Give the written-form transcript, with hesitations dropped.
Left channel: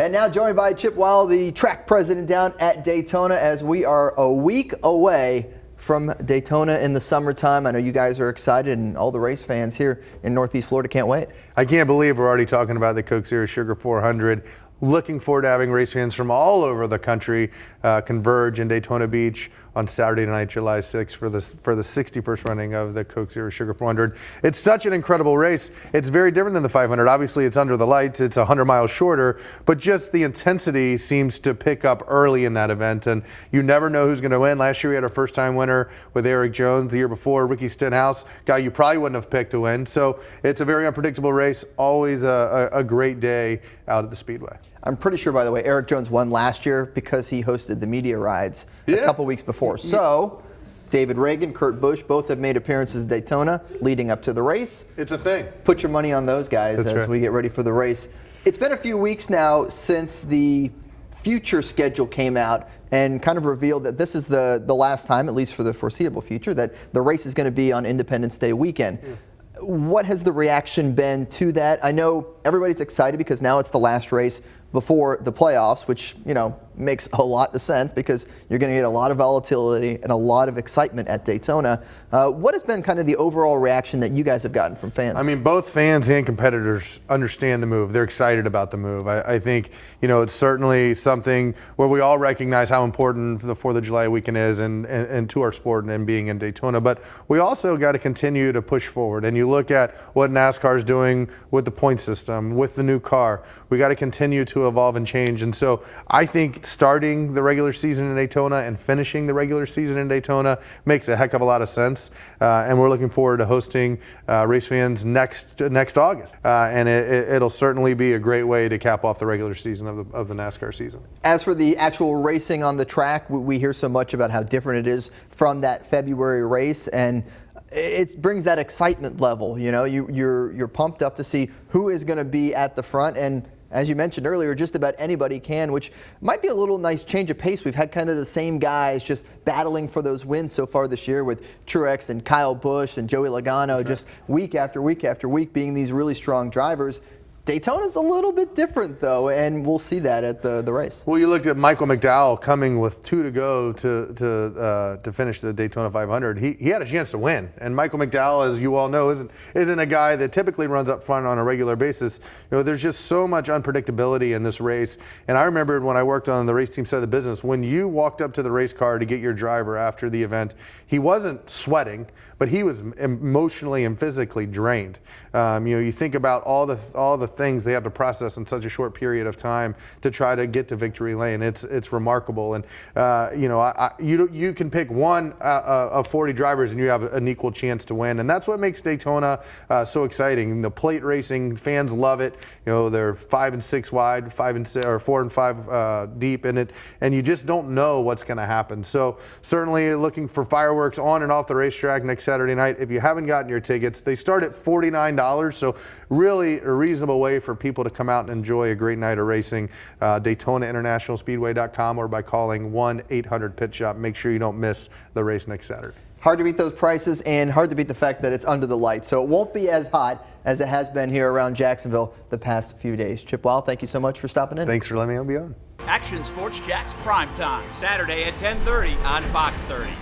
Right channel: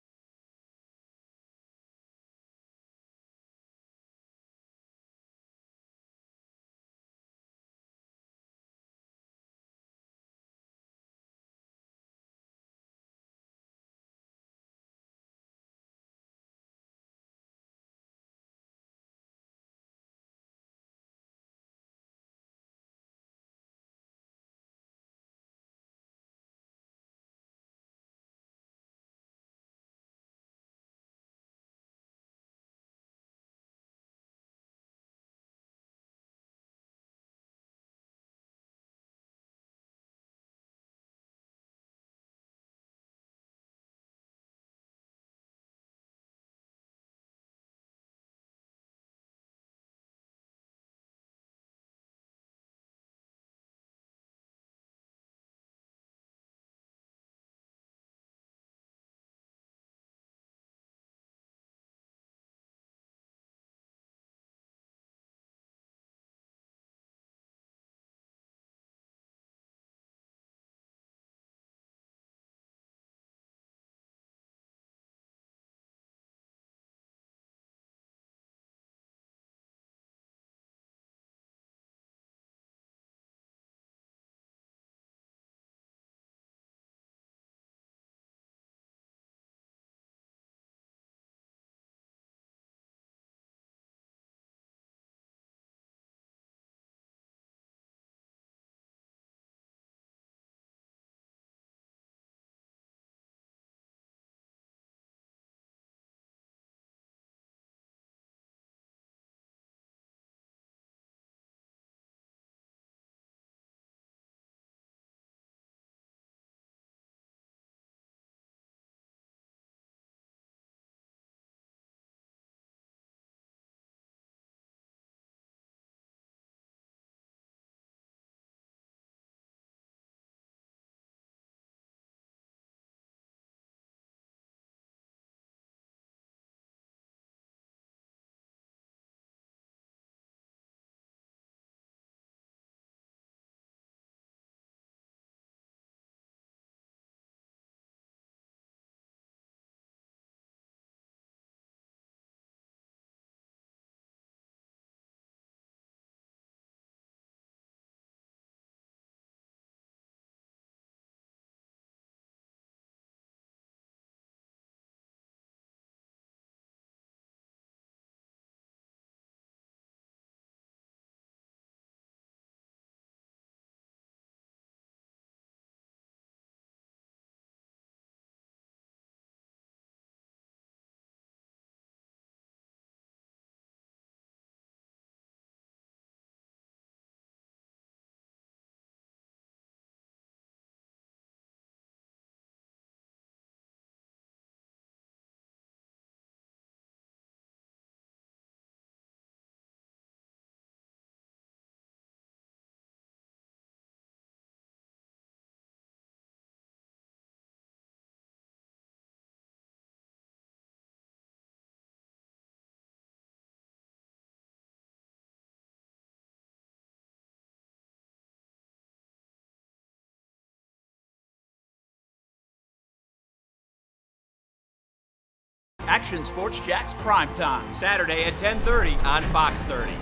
And now joined by Chip Wile, the track president down at Daytona, as we are a week away from Daytona in the summertime. I know you guys are excited, and all the race fans here in Northeast Florida can't wait. I can't believe we're already talking about the Coke Zero Sugar 400. Looking forward to having race fans from all over the country converge in Daytona Beach on Saturday night, July 6th for the 61st running of the Coke Zero Sugar 400. It's such an incredible race. It's very different than the 500. Obviously, it's under the lights. It's 100 miles shorter, but just the intensity seems to pick up early in that event, and you never know who's going to win. Last year, we had our first-time winner with Eric Jones. The year before, Ricky Stenhouse, guy you probably wouldn't have picked to win. So it's a very unpredictable race. Always a great day out at the Speedway. I'm pretty sure, by the way, Eric Jones won last year because he hosted the media rides a couple weeks before. So David Reagan, Kurt Busch, both have made appearances at Daytona leading up to the race. It's a thing. Put your money on those guys as we get ready for the race. It's been a few weeks now since the future schedule came out and kind of revealed that this is the last time, at least for the foreseeable future, that the race is going to be on Independence Day weekend. What has the reaction been to that? I know everybody's excited because now it's the last race before the playoffs, which, you know, makes a lot of sense because you're going to get a lot of volatility and a lot of excitement at Daytona. What has been kind of the overall reaction that you guys have gotten from fans? I mean, both fans and competitors understand the move. They're excited about the move. I think, you know, it's certainly something where we all recognize how important the 4th of July weekend is and to our sport and being in Daytona. But we also got to continue to push forward. And you look at what NASCAR is doing with the point system, with the new car. We got to continue to evolve and change. And so I think starting the regular season in Daytona and finishing the regular season in Daytona makes a heck of a lot of sense. And we're looking forward to hosting race fans next August. And it'll certainly be a great way to cap off the regular season of the NASCAR season. As for the actual racing on the track, we hear so much about how different it is from that February race, and it brings that excitement level. You know, you're pumped up to see who is going to be at the front, and as you mentioned earlier, just about anybody can, which might be a little nice change of pace. We've had kind of the same guys just battling for those wins so far this year with Truex and Kyle Busch and Joey Logano, just week after week after week being these really strong drivers. Daytona's a little bit different, though, and we'll see that at the race. Well, you looked at Michael McDowell coming with 2 to go to finish the Daytona 500. He had a chance to win, and Michael McDowell, as you all know, isn't a guy that typically runs up front on a regular basis. You know, there's just so much unpredictability in this race. And I remembered when I worked on the race team side of the business, when you walked up to the race car to get your driver after the event, he wasn't sweating, but he was emotionally and physically drained. You know, you think about all the things they have to process in such a short period of time to try to get to victory lane. It's remarkable, and you know, you can pick one of 40 drivers and you have an equal chance to win, and that's what makes Daytona so exciting. The plate racing fans love it. You know, they're 5 and 6 wide, 5 and 6, or 4 and 5 deep in it, and you just don't know what's going to happen. So certainly looking for fireworks on and off the racetrack next Saturday night. If you haven't gotten your tickets, they start at $49. So really a reasonable way for people to come out and enjoy a great night of racing. DaytonaInternationalSpeedway.com or by calling 1-800-PIT-SHOP. Make sure you don't miss the race next Saturday. Hard to beat those prices, and hard to beat the fact that it's under the lights. So it won't be as hot as it has been here around Jacksonville the past few days. Chip Wile, thank you so much for stopping in. Thanks for letting me be on. Action Sports Jax Primetime, Saturday at 10:30 on Fox 30.